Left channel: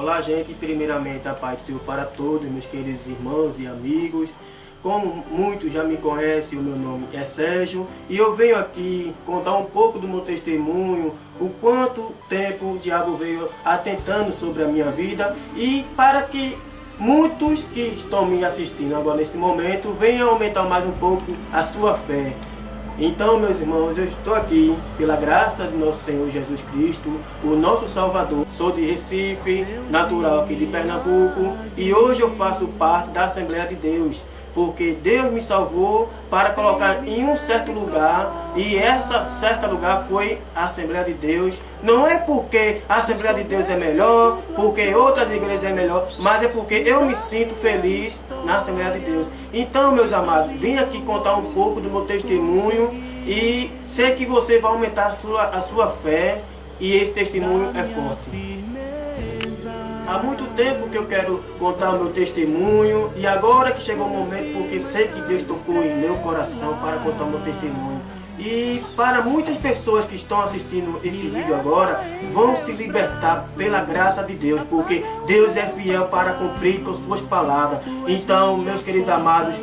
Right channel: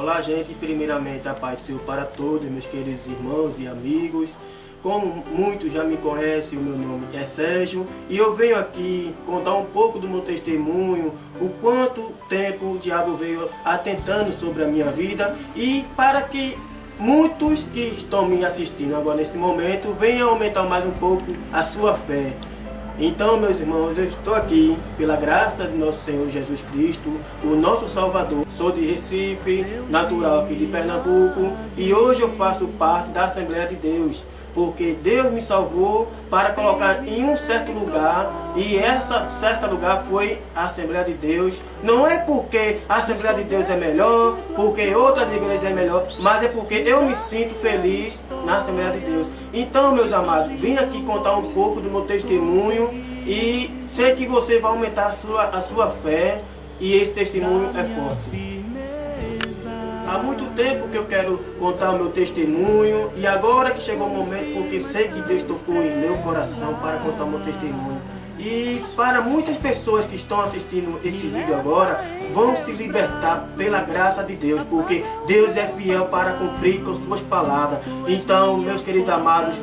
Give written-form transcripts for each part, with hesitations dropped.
Olá, gente. Primeiramente, a paz do Senhor para todos, meus queridos irmãos e amigos. Como muitos já me conhecem, o meu nome é Sérgio e eu venho aqui contar um pouco do meu testemunho, o quanto tempo o diabo veio atentando sobre a minha vida e para que muitos que estão me assistindo agora neste momento venham aumentar mais um pouco a sua fé. Então, meus irmãos, eu estou aqui pela graça de nosso Senhor Jesus Cristo, o nosso Salvador. Sou de Recife, natural aqui de Pernambuco, e hoje eu faço parte da Assembleia de Deus, porque Deus me salvou para colocar em um certo lugar, e essa certa lugar foi a Assembleia de Deus. Não é porque a Assembleia de Deus é melhor, porque outras igrejas é melhor, mas é porque eu me sinto feliz na Assembleia de Deus. Então, meus amados, vim aqui contar um pouco do meu testemunho e sei que você vai aumentar a sua fé, e esse testemunho é forte. Há muito tempo que eu quero contar o meu testemunho e agora que chegou o momento, porque sei que Deus tocou em meu coração para contar o meu testemunho. E para muitas pessoas que estão assistindo esse vídeo agora, vão se libertar pela graça de Deus, porque Deus é fiel para cumprir com suas palavras. Então, meus queridos amados,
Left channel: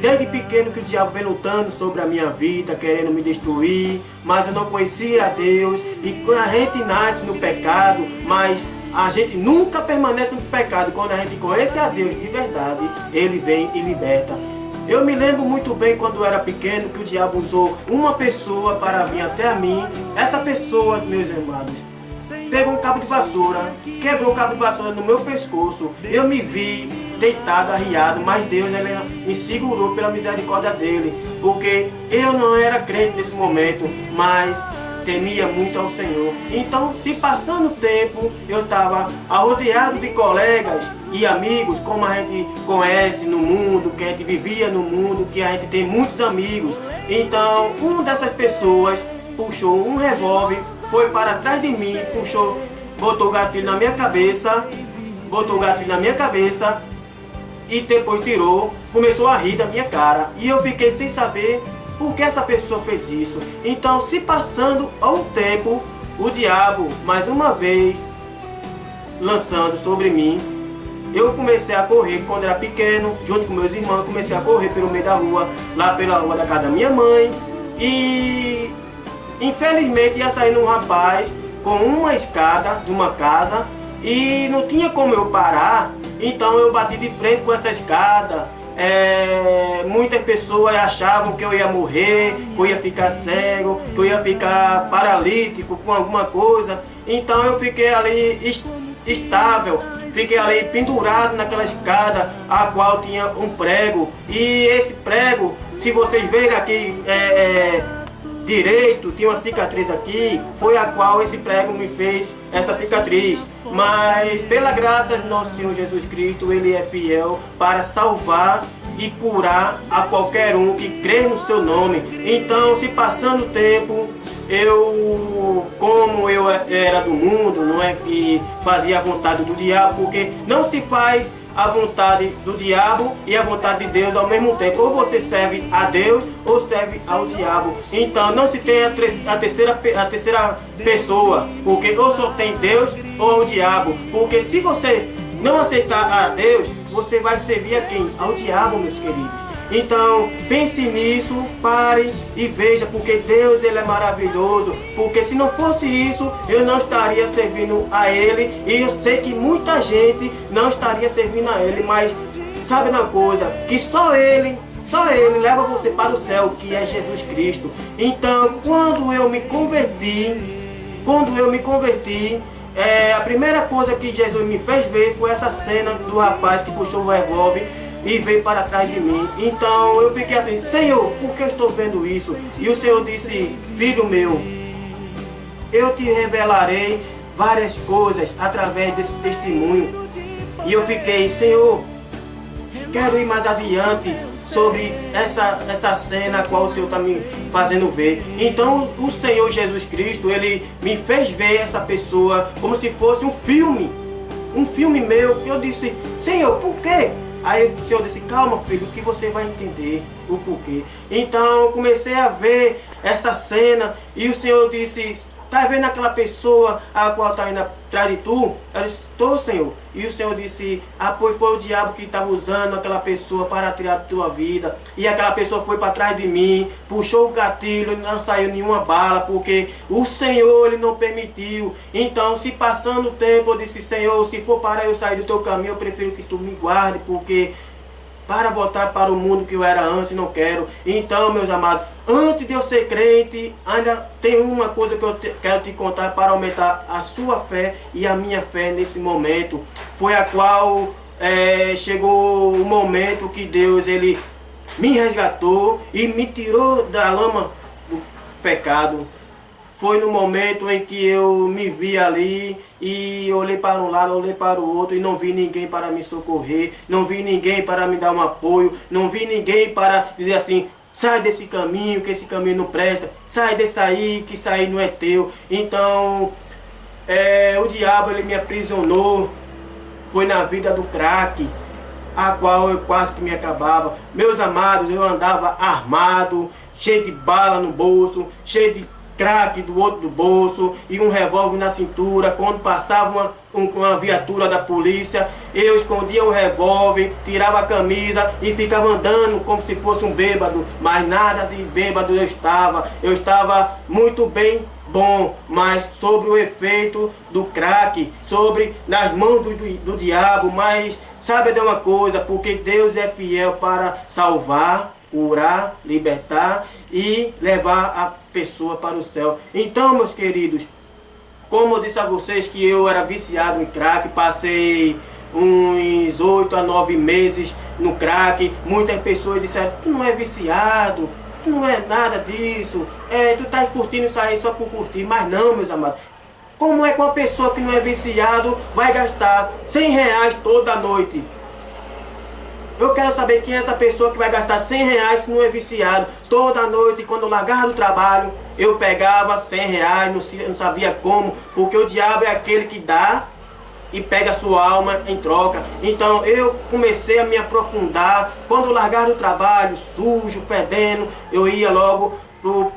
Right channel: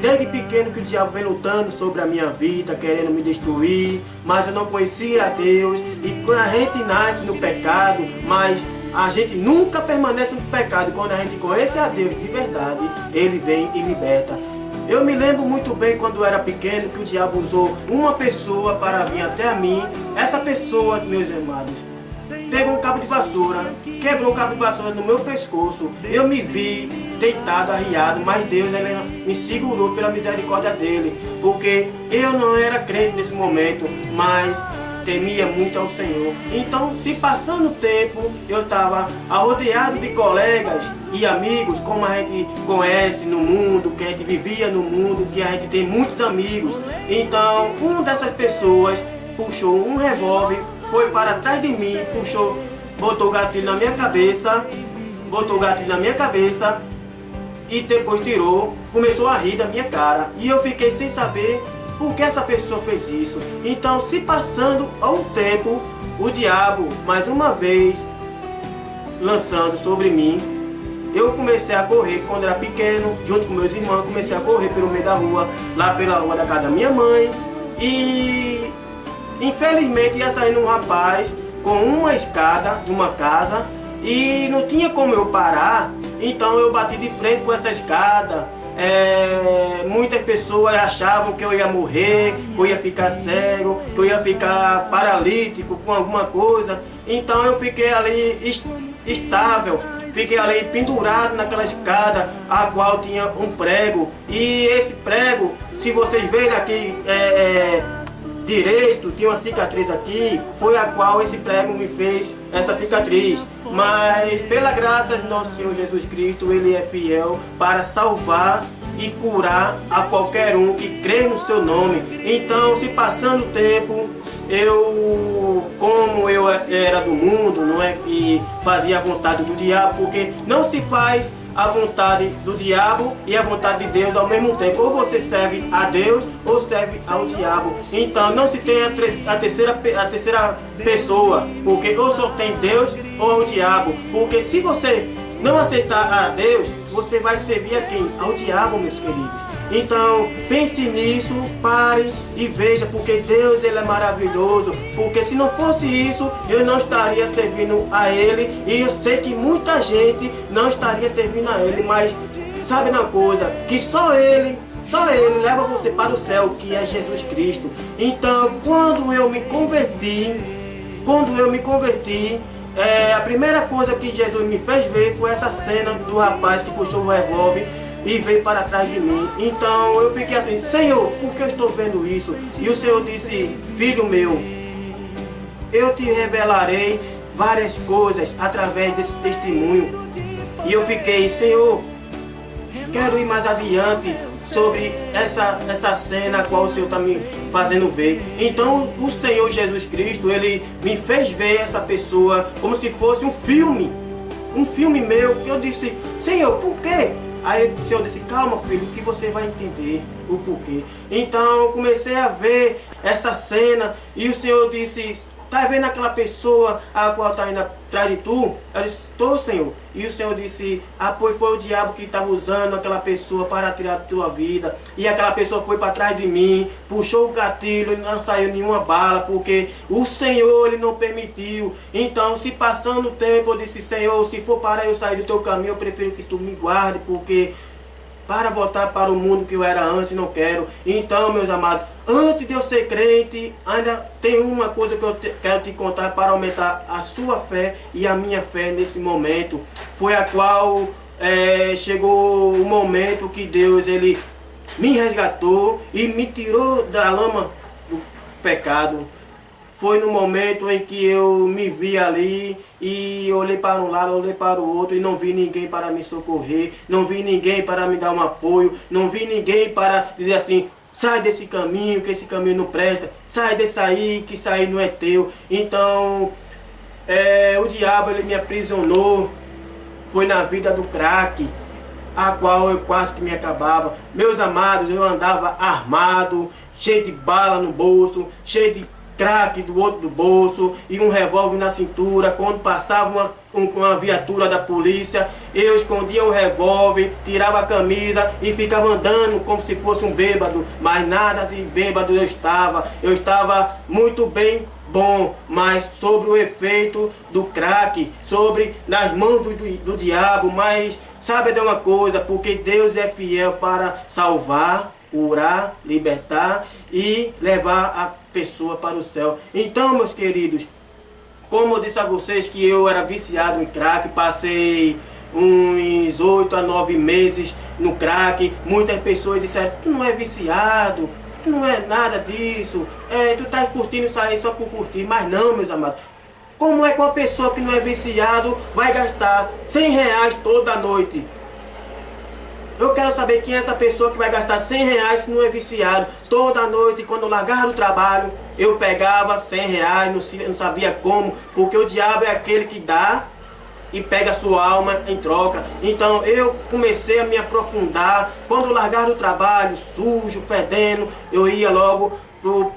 desde pequeno que o diabo vem lutando sobre a minha vida, querendo me destruir, mas eu não conhecia a Deus. E quando a gente nasce no pecado, mas a gente nunca permanece no pecado. Quando a gente conhece a Deus de verdade, Ele vem e liberta. Eu me lembro muito bem quando eu era pequeno que o diabo usou uma pessoa para vir até a mim. Essa pessoa, meus amados, pegou um cabo de vassoura, quebrou o cabo de vassoura no meu pescoço. Eu me vi deitado, arriado, mas Deus ele me segurou pela misericórdia dele, porque eu não era crente nesse momento, mas temia muito ao Senhor. Então, se passando o tempo, eu estava rodeado de colegas e amigos, como a gente conhece no mundo, que a gente vivia no mundo, que a gente tem muitos amigos. Então, uma dessas pessoas puxou um revólver, foi para trás de mim, puxou, botou o gatilho na minha cabeça, e depois tirou, começou a rir da minha cara. E eu fiquei sem saber por que essa pessoa fez isso. Então, se passando ao tempo, o diabo, mais uma vez, lançando sobre mim, eu comecei a correr quando era pequeno, junto com meus irmãos, comecei a correr pelo meio da rua, lá pela rua da casa da minha mãe. E, infelizmente, ia saindo um rapaz com uma escada de uma casa e não tinha como eu parar, então eu bati de frente com essa escada. Muitas pessoas achavam que eu ia morrer, que eu ia ficar cego, que eu ia ficar paralítico com alguma coisa. Então eu fiquei ali estável, fiquei ali pendurado naquela escada, a qual tinha um prego. E esse prego, se vocês verem aqui direito, tinha uma cicatriz aqui, foi a qual esse prego me fez essa cicatriz. Mas pela graça de nosso Senhor Jesus Cristo, Ele é fiel para salvar e curar a qualquer um que crê no seu nome. Então, se passando o tempo, como eu era do mundo, não é que fazia a vontade do diabo, porque não se faz a vontade do diabo e a vontade de Deus ao mesmo tempo. Ou você serve a Deus ou serve ao diabo. Então não se tem a terceira pessoa, porque ou só tem Deus ou o diabo. Porque se você não aceitar a Deus, você vai servir a quem? Ao diabo, meus queridos. Então, pense nisso, pare e veja, porque Deus ele é maravilhoso, porque se não fosse isso, eu não estaria servindo a Ele, e eu sei que muita gente não estaria servindo a Ele, mas sabe uma coisa, que só Ele leva você para o céu, que é Jesus Cristo. Então, quando eu me converti, a primeira coisa que Jesus me fez ver foi essa cena do rapaz que puxou o revólver e veio para trás de mim. Então eu fiquei assim: Senhor, por que eu estou vendo isso? E o Senhor disse: filho meu, eu te revelarei várias coisas através desse testemunho. E eu fiquei: Senhor, quero ir mais adiante sobre essa cena a qual o Senhor está me fazendo ver. Então o Senhor Jesus Cristo, Ele me fez ver essa pessoa como se fosse um filme meu. Que eu disse: Senhor, por quê? Aí o Senhor disse: calma, filho, que você vai entender o porquê. Então eu comecei a ver essa cena e o Senhor disse: tá vendo aquela pessoa a qual está indo atrás de tu? Eu disse, estou, Senhor. E o Senhor disse, pois foi o diabo que estava usando aquela pessoa para tirar a tua vida. E aquela pessoa foi para trás de mim, puxou o gatilho e não saiu nenhuma bala, porque o Senhor, Ele não permitiu. Então, se passando o tempo, eu disse, Senhor, se for para eu sair do teu caminho, eu prefiro que tu me guarde, porque para voltar para o mundo que eu era antes, não quero. Então, meus amados, antes de eu ser crente, ainda tem uma coisa que eu quero te contar para aumentar a sua fé e a minha fé nesse momento. Foi a qual chegou o momento que Deus, Ele me resgatou e me tirou da lama do pecado. Foi no momento em que eu me vi ali e olhei para um lado, olhei para o outro e não vi ninguém para me socorrer, não vi ninguém para me dar um apoio, não vi ninguém para dizer assim, sai desse caminho, que esse caminho não presta, sai desse aí, que isso aí não é teu. Então, o diabo, ele me aprisionou, foi na vida do crack, a qual eu quase que me acabava. Meus amados, eu andava armado, cheio de bala no bolso, cheio de crack do outro do bolso e um revólver na cintura. Quando passava uma viatura da polícia, eu escondia o revólver, tirava a camisa e ficava andando como se fosse um bêbado, mas nada de bêbado eu estava muito bem bom, mas sobre o efeito do crack, sobre nas mãos do diabo. Mas sabe de uma coisa, porque Deus é fiel para salvar, curar, libertar e levar a pessoa para o céu. Então, meus queridos, como eu disse a vocês que eu era viciado em crack, passei uns 8 a 9 meses no crack. Muitas pessoas disseram, tu não é viciado, tu não é nada disso, tu tá curtindo isso aí só por curtir. Mas não, meus amados, como é que uma pessoa que não é viciado vai gastar R$100 toda noite? Eu quero saber quem é essa pessoa que vai gastar R$100 se não é viciado. Toda noite, quando eu largava do trabalho, eu pegava R$100, não sabia como, porque o diabo é aquele que dá e pega a sua alma em troca. Então eu comecei a me aprofundar. Quando eu largava do trabalho, sujo, fedendo, eu ia logo pro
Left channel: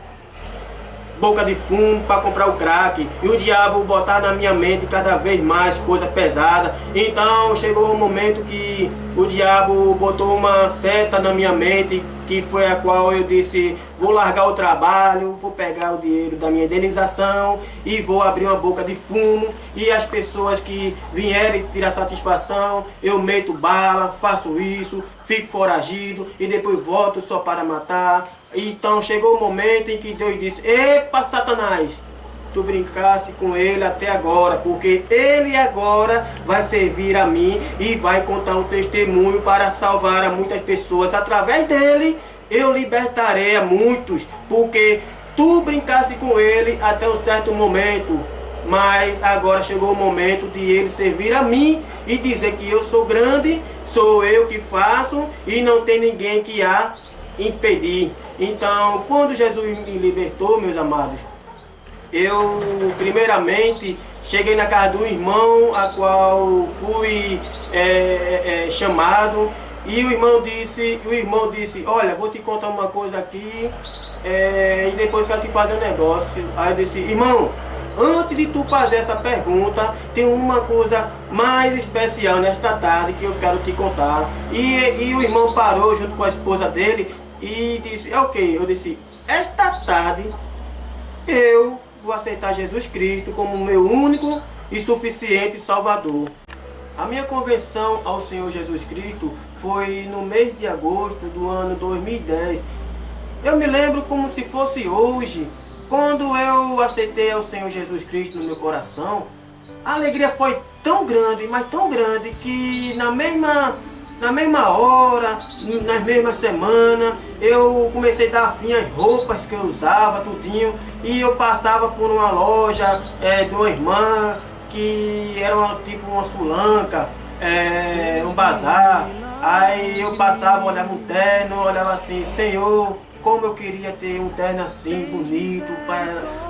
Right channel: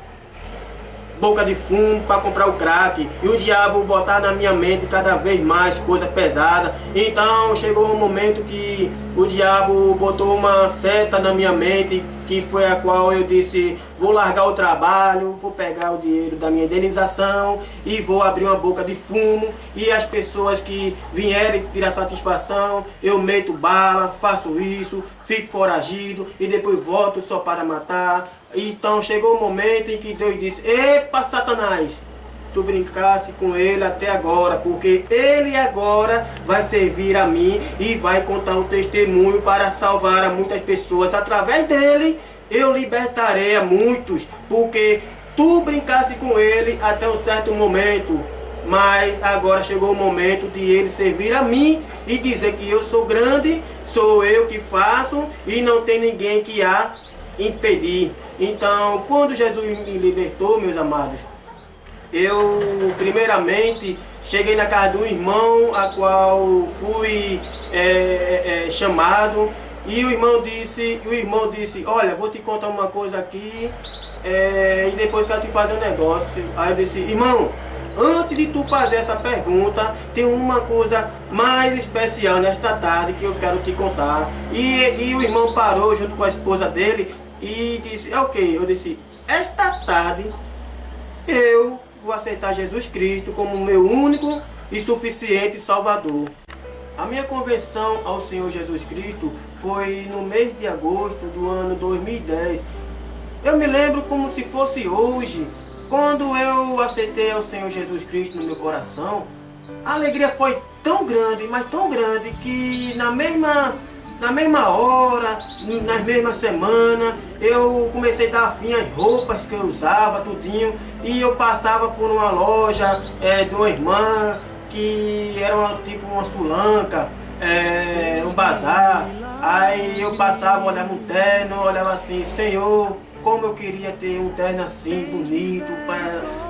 boca de fumo para comprar o crack. E o diabo botar na minha mente cada vez mais coisa pesada. Então chegou um momento que o diabo botou uma seta na minha mente, que foi a qual eu disse, vou largar o trabalho, vou pegar o dinheiro da minha indenização e vou abrir uma boca de fumo, e as pessoas que vierem tirar satisfação, eu meto bala, faço isso, fico foragido e depois volto só para matar. Então chegou o momento em que Deus disse, epa, Satanás, tu brincasse com ele até agora, porque ele agora vai servir a mim e vai contar o testemunho para salvar a muitas pessoas. Através dele eu libertarei a muitos, porque tu brincasse com ele até um certo momento, mas agora chegou o momento de ele servir a mim e dizer que eu sou grande, sou eu que faço e não tem ninguém que a impedir. Então, quando Jesus me libertou, meus amados, eu primeiramente cheguei na casa de um irmão a qual fui chamado, e o irmão disse, olha, vou te contar uma coisa aqui e depois quero te fazer um negócio. Aí eu disse, irmão, antes de tu fazer essa pergunta, tem uma coisa mais especial nesta tarde que eu quero te contar. E o irmão parou junto com a esposa dele e disse, ok. Eu disse, esta tarde eu vou aceitar Jesus Cristo como meu único e suficiente Salvador. A minha conversão ao Senhor Jesus Cristo foi no mês de agosto do ano 2010. Eu me lembro como se fosse hoje, quando eu aceitei ao Senhor Jesus Cristo no meu coração. A alegria foi tão grande, mas tão grande, que na mesma hora, nas mesmas semanas, eu comecei a dar fim às roupas que eu usava, tudinho, e eu passava por uma loja de uma irmã, que era tipo uma sulanca, um bazar. Aí eu passava, olhava um terno, olhava assim, Senhor, como eu queria ter um terno assim, bonito,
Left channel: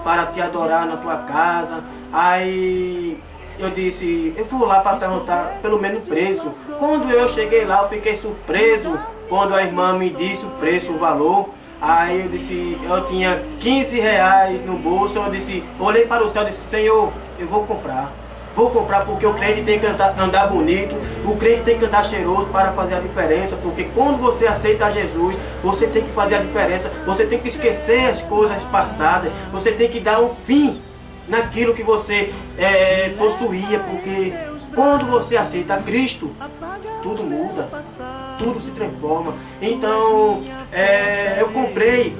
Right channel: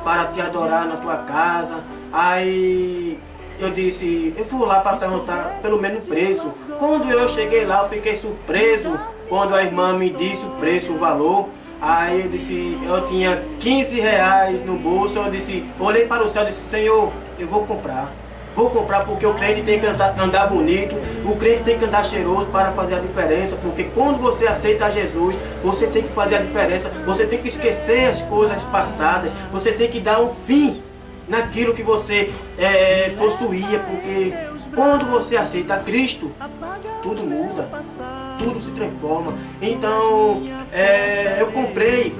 para te adorar na tua casa. Aí eu disse, eu vou lá para perguntar pelo menos o preço. Quando eu cheguei lá, eu fiquei surpreso quando a irmã me disse o preço, o valor. Aí eu disse, eu tinha 15 reais no bolso, eu disse, olhei para o céu e disse, Senhor, eu vou comprar. Vou comprar porque o crente tem que andar bonito, o crente tem que andar cheiroso para fazer a diferença, porque quando você aceita Jesus, você tem que fazer a diferença, você tem que esquecer as coisas passadas, você tem que dar um fim naquilo que você possuía, porque quando você aceita Cristo, tudo muda, tudo se transforma. Então, eu comprei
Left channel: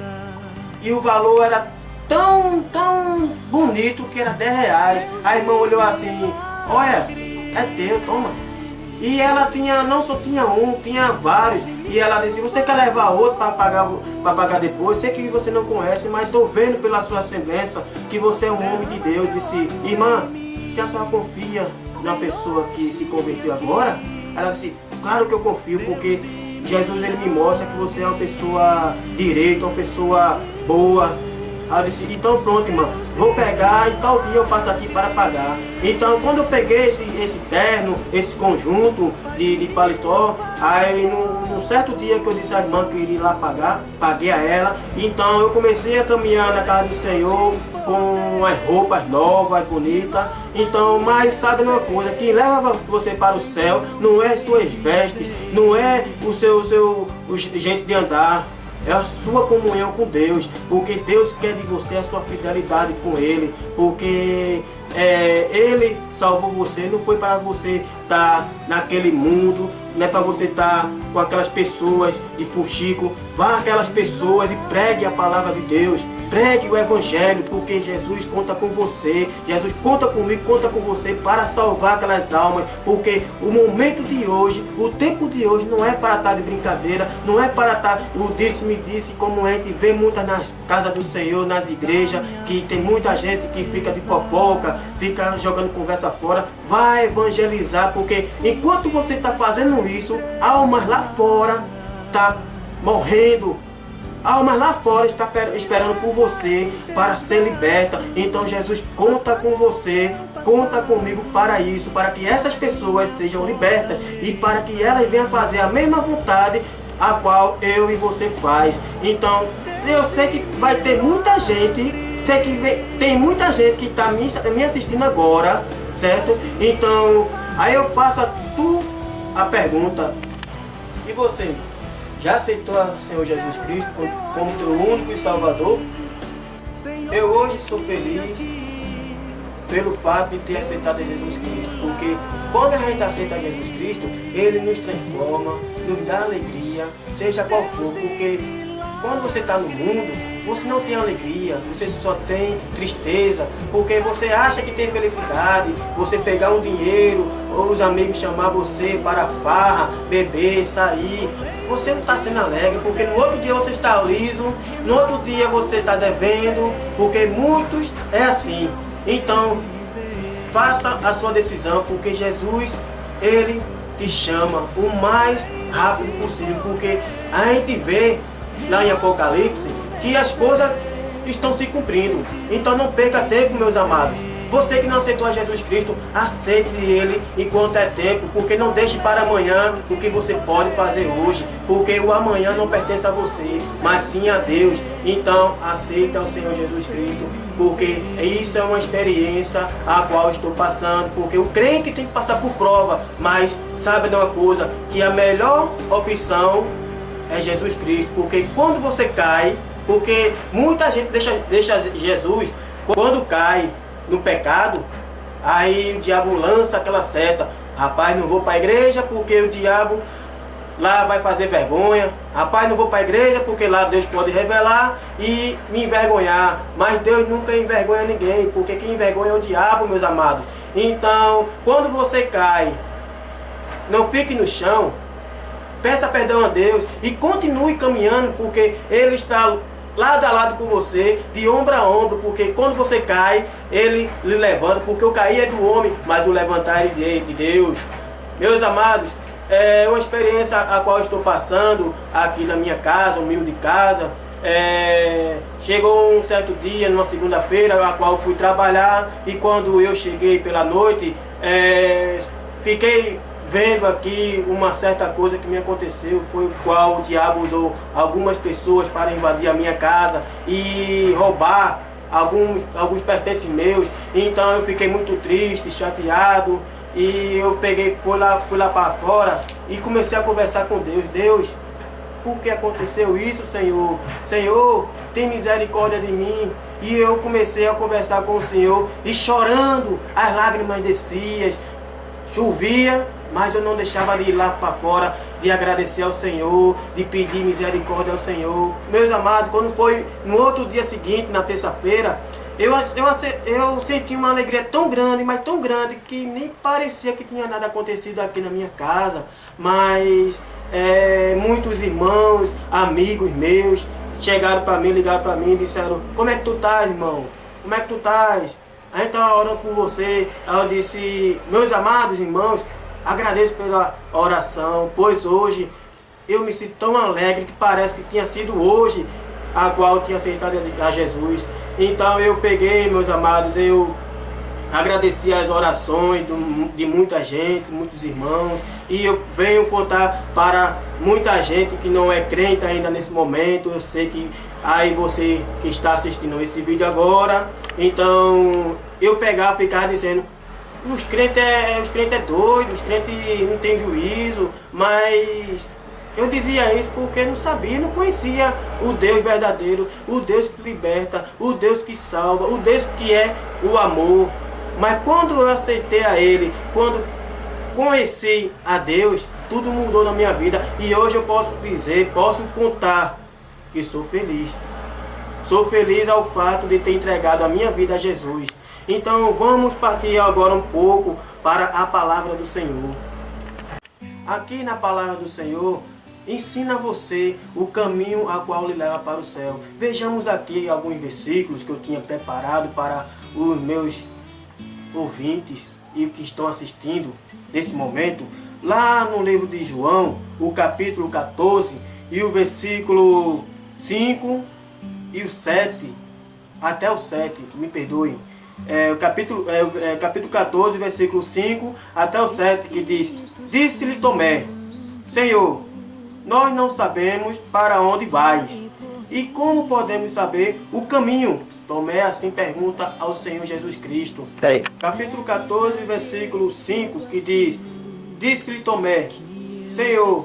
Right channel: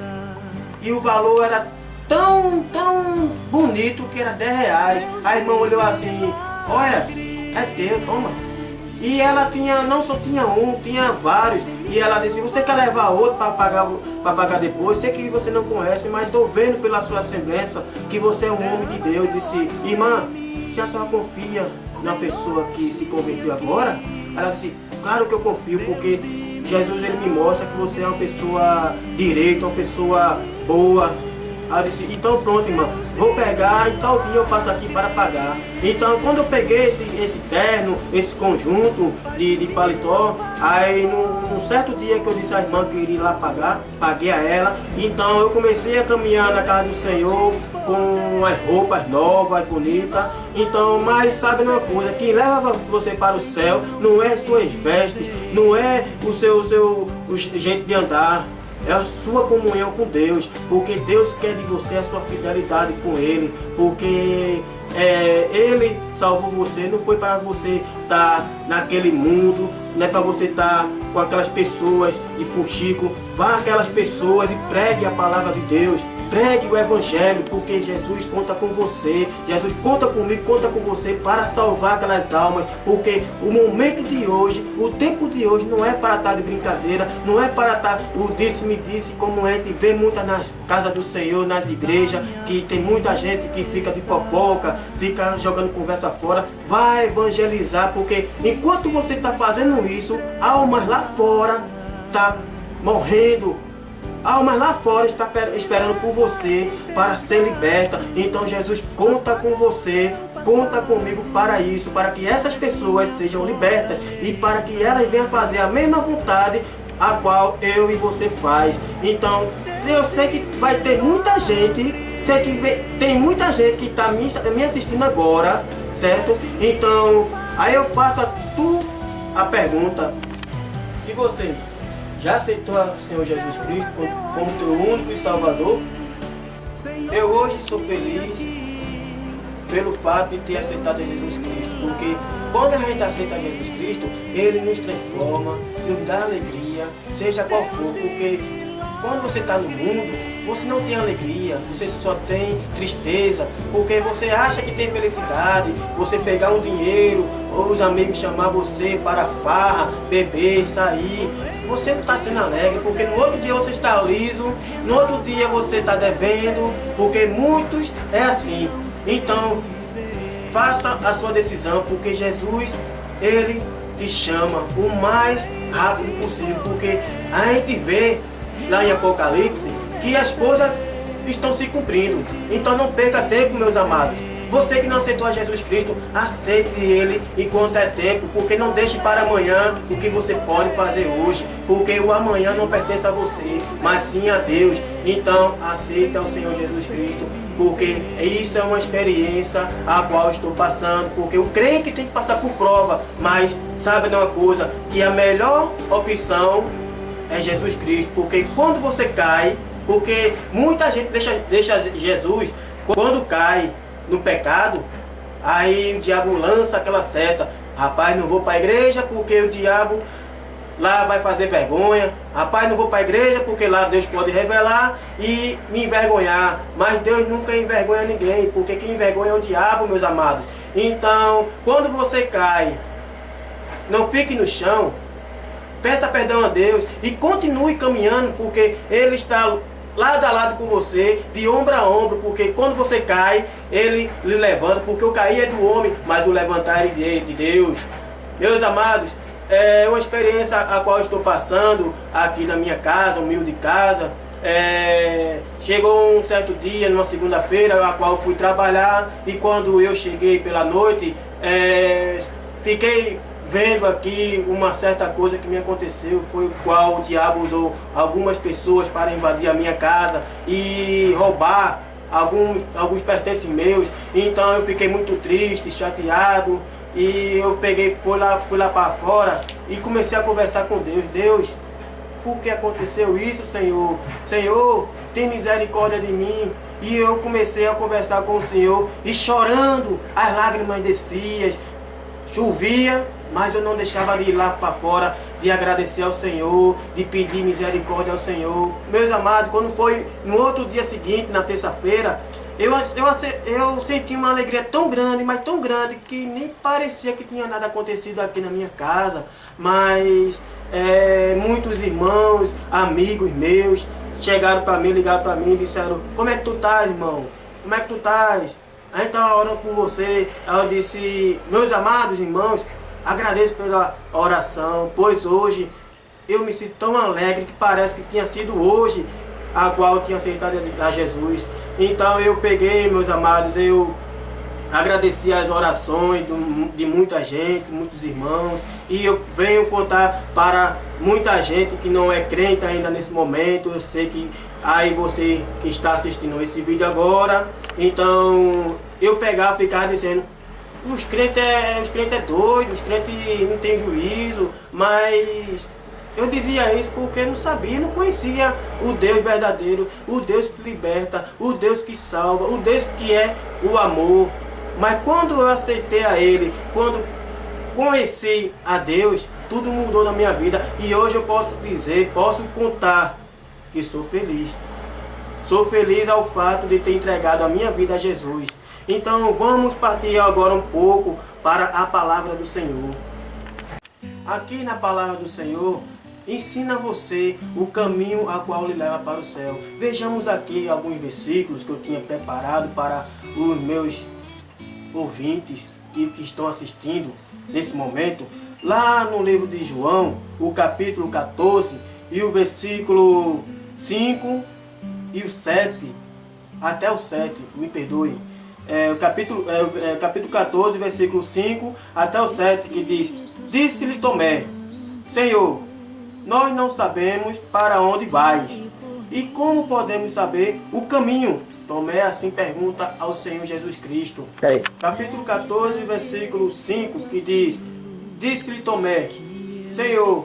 e o valor era tão bonito que era 10 reais. A irmã olhou assim, olha, é teu, toma. E ela não só tinha um, tinha vários. E ela disse, você quer levar outro para pagar depois? Sei que você não conhece, mas estou vendo pela sua semelhança que você é um homem de Deus. Disse, irmã, se a senhora confia na pessoa que se converteu agora? Ela disse, claro que eu confio, porque Jesus ele me mostra que você é uma pessoa direita, uma pessoa boa. Aí eu disse, então pronto, irmã, vou pegar e tal dia eu passo aqui para pagar. Então quando eu peguei esse terno, esse conjunto de paletó, aí num certo dia que eu disse à irmã que iria lá pagar, paguei a ela. Então eu comecei a caminhar na casa do Senhor com as roupas novas, bonitas. Então, mas sabe uma coisa, que leva você para o céu não é suas vestes, não é o seu jeito de andar. É a sua comunhão com Deus, porque Deus quer de você a sua fidelidade com Ele, porque Ele salvou você, não foi para você estar naquele mundo, não é para você estar com aquelas pessoas de fuxico. Vá aquelas pessoas e pregue a palavra de Deus, pregue o Evangelho, porque Jesus conta com você, Jesus conta comigo, conta com você para salvar aquelas almas, porque o momento de hoje, o tempo de hoje não é para estar de brincadeira, não é para estar o disse-me disse, como a gente vê muitas nas casas do Senhor, nas igrejas, que tem muita gente que fica de fofoca, fica jogando conversa fora. Vai evangelizar, porque enquanto você está fazendo isso, almas lá fora estão morrendo. Almas lá fora está esperando por você para ser liberta. Então Jesus conta com você, conta comigo para isso, para que essas pessoas sejam libertas e para que elas venham fazer a mesma vontade a qual eu e você faz. Então eu sei que vai ter muita gente, sei que tem muita gente que está me assistindo agora, certo? Então aí eu faço a pergunta, e você? Já aceitou o Senhor Jesus Cristo como teu único e Salvador? Eu hoje sou feliz pelo fato de ter aceitado Jesus Cristo, porque quando a gente aceita Jesus Cristo, Ele nos transforma, nos dá alegria, seja qual for, porque quando você está no mundo, você não tem alegria, você só tem tristeza, porque você acha que tem felicidade, você pegar um dinheiro, ou os amigos chamar você para farra, beber, sair, você não está sendo alegre, porque no outro dia você está liso, no outro dia você está devendo, porque muitos é assim. Então, faça a sua decisão, porque Jesus, Ele te chama o mais rápido possível, porque a gente vê lá em Apocalipse que as coisas estão se cumprindo. Então não perca tempo, meus amados. Você que não aceitou a Jesus Cristo, aceite Ele enquanto é tempo, porque não deixe para amanhã o que você pode fazer hoje, porque o amanhã não pertence a você, mas sim a Deus. Então aceita o Senhor Jesus Cristo, porque isso é uma experiência a qual estou passando, porque o crente tem que passar por prova, mas sabe de uma coisa, que a melhor opção é Jesus Cristo, porque quando você cai, porque muita gente deixa Jesus, quando cai no pecado, aí o diabo lança aquela seta, rapaz, não vou para a igreja porque o diabo lá vai fazer vergonha, rapaz, não vou para a igreja porque lá Deus pode revelar e me envergonhar, mas Deus nunca envergonha ninguém, porque quem envergonha é o diabo, meus amados. Então, quando você cai, não fique no chão, peça perdão a Deus e continue caminhando, porque Ele está lado a lado com você, de ombro a ombro, porque quando você cai, Ele lhe levanta, porque o cair é do homem, mas o levantar é de Deus. Meus amados, é uma experiência a qual estou passando aqui na minha casa, humilde casa. Chegou um certo dia, numa segunda-feira, a qual eu fui trabalhar, e quando eu cheguei pela noite, fiquei vendo aqui uma certa coisa que me aconteceu, foi o qual o diabo usou algumas pessoas para invadir a minha casa e roubar alguns pertences meus. Então eu fiquei muito triste, chateado, e eu peguei, fui lá para fora e comecei a conversar com Deus. Deus, por que aconteceu isso, Senhor? Senhor, tem misericórdia de mim. E eu comecei a conversar com o Senhor e chorando, as lágrimas desciam, chovia, mas eu não deixava de ir lá para fora, de agradecer ao Senhor, de pedir misericórdia ao Senhor. Meus amados, quando foi no outro dia seguinte, na terça-feira, eu senti uma alegria tão grande, mas tão grande, que nem parecia que tinha nada acontecido aqui na minha casa. Mas muitos irmãos, amigos meus, chegaram para mim, ligaram para mim e disseram: como é que tu estás, irmão? Como é que tu estás? A gente estava orando por você. Aí eu disse: meus amados irmãos, agradeço pela oração, pois hoje eu me sinto tão alegre que parece que tinha sido hoje a qual eu tinha aceitado a Jesus. Então eu peguei, meus amados, eu agradeci as orações de muita gente, muitos irmãos, e eu venho contar para muita gente que não é crente ainda nesse momento. Eu sei que aí você que está assistindo esse vídeo agora, então eu ficar dizendo: os crentes é doidos, os crentes não tem juízo. Mas eu dizia isso porque não sabia, não conhecia o Deus verdadeiro, o Deus que liberta, o Deus que salva, o Deus que é o amor. Mas quando eu aceitei a Ele, quando conheci a Deus, tudo mudou na minha vida. E hoje eu posso dizer, posso contar que sou feliz. Sou feliz ao fato de ter entregado a minha vida a Jesus. Então vamos partir agora um pouco para a palavra do Senhor. Aqui na palavra do Senhor, ensina você o caminho a qual lhe leva para o céu. Vejamos aqui alguns versículos que eu tinha preparado para os meus ouvintes e que estão assistindo nesse momento. Lá no livro de João, o capítulo 14 e o versículo 5 e o 7, até o 7, me perdoe. Capítulo 14, versículo 5 até o 7, que diz: disse-lhe Tomé: Senhor, nós não sabemos para onde vais, e como podemos saber o caminho? Tomé assim pergunta ao Senhor Jesus Cristo. Capítulo 14, versículo 5, que diz: disse-lhe Tomé: Senhor,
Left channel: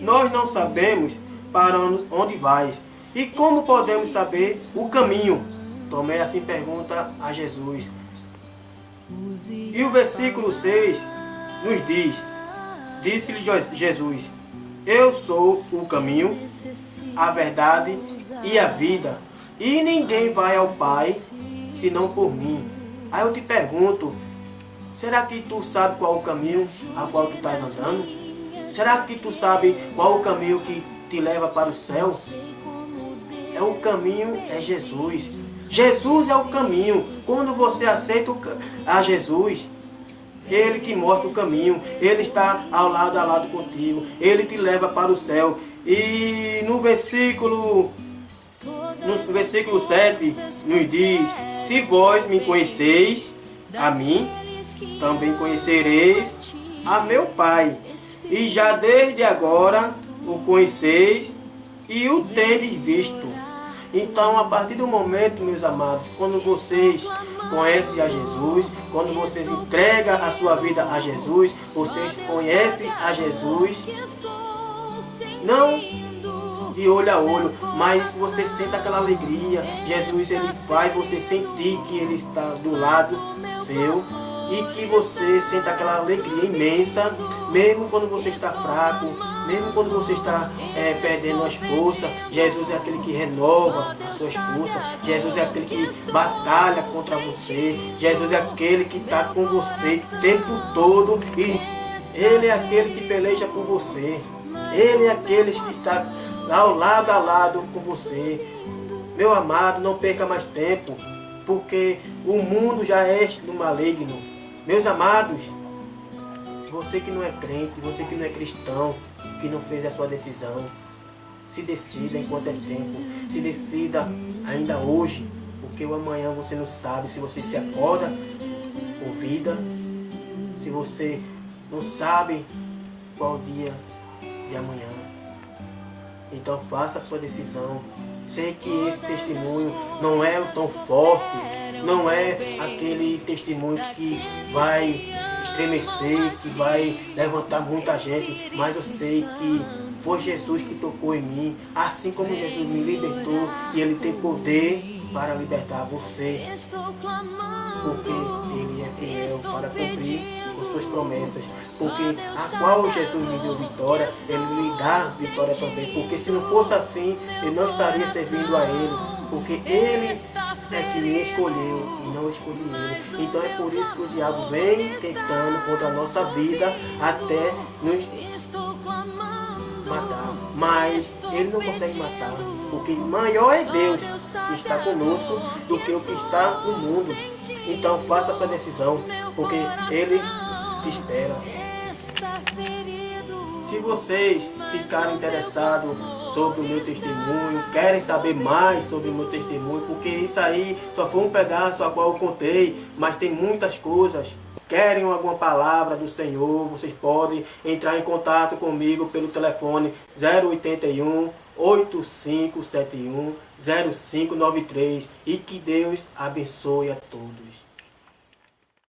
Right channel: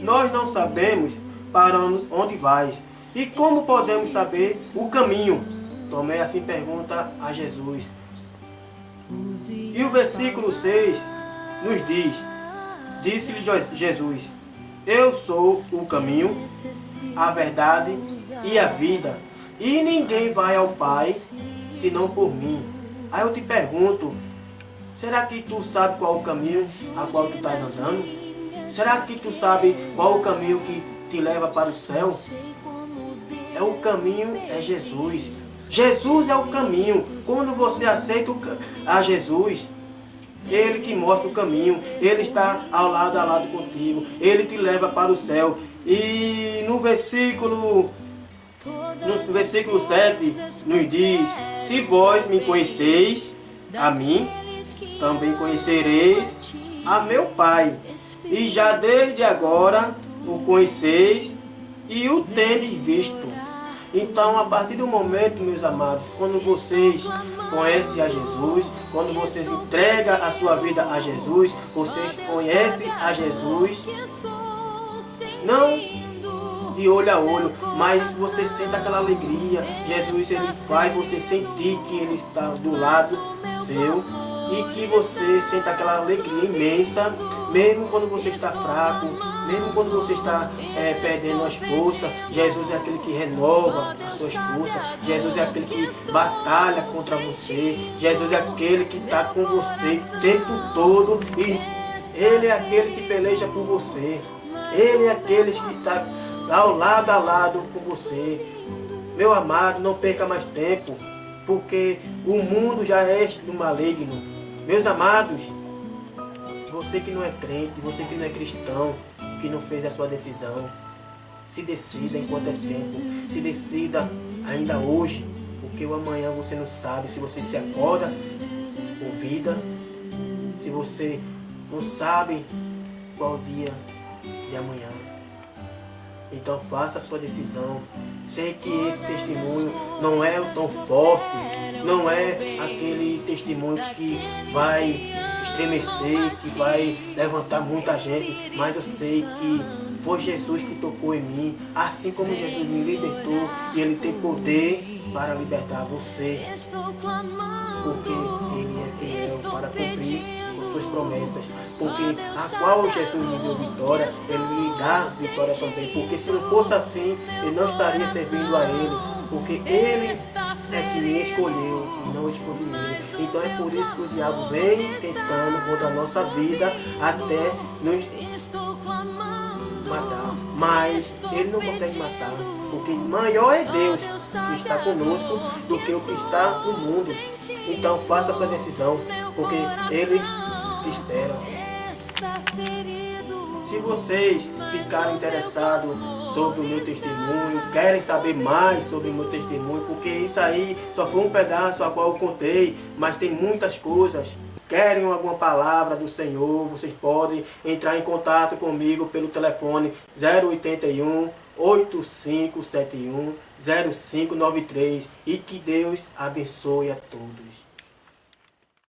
nós não sabemos para onde vais, e como podemos saber o caminho? Tomé assim pergunta a Jesus. E o versículo 6 nos diz: disse-lhe Jesus: eu sou o caminho, a verdade e a vida, e ninguém vai ao Pai senão por mim. Aí eu te pergunto: será que tu sabe qual o caminho a qual tu estás andando? Será que tu sabe qual o caminho que te leva para o céu? O caminho é Jesus. Jesus é o caminho. Quando você aceita a Jesus, Ele que mostra o caminho, Ele está ao lado contigo, Ele te leva para o céu. E no versículo 7 nos diz: se vós me conheceis a mim, também conhecereis a meu Pai, e já desde agora o conheceis e o tendes visto. Então, a partir do momento, meus amados, quando vocês conhecem a Jesus, quando vocês entregam a sua vida a Jesus, vocês conhecem a Jesus, não de olho a olho, mas você sente aquela alegria. Jesus, Ele faz você sentir que Ele está do lado seu, e que você sente aquela alegria imensa, mesmo quando você está fraco, mesmo quando você está perdendo as forças. Jesus é aquele que renova as suas forças. Jesus é aquele que batalha contra você. Jesus é aquele que está com você o tempo todo, e Ele é aquele que peleja por você. Ele é aquele que está ao lado com você. Meu amado, não perca mais tempo, porque o mundo já é do maligno. Meus amados, você que não é crente, você que não é cristão, que não fez a sua decisão, se decida enquanto é tempo. Se decida ainda hoje, porque o amanhã você não sabe se você se acorda com vida, se você não sabem qual o dia de amanhã. Então faça a sua decisão. Sei que esse testemunho não é o tão forte, não é aquele testemunho que vai estremecer, que vai levantar muita gente, mas eu sei que foi Jesus que tocou em mim, assim como Jesus me libertou, e Ele tem poder para libertar você, porque Ele é fiel para cumprir as suas promessas, porque a qual Jesus me deu vitória, Ele me dá vitória também, porque se não fosse assim, eu não estaria servindo a Ele, porque Ele é que me escolheu e não escolhi Ele. Então é por isso que o diabo vem tentando contra a nossa vida até nos matar, mas Ele não consegue matar, porque maior é Deus que está conosco do que o que está no mundo. Então faça a sua decisão, porque Ele te espera. Se vocês ficarem interessados sobre o meu testemunho, querem saber mais sobre o meu testemunho, porque isso aí só foi um pedaço a qual eu contei, mas tem muitas coisas. Querem alguma palavra do Senhor, vocês podem entrar em contato comigo pelo telefone 081 8571 0593 e que Deus abençoe a todos.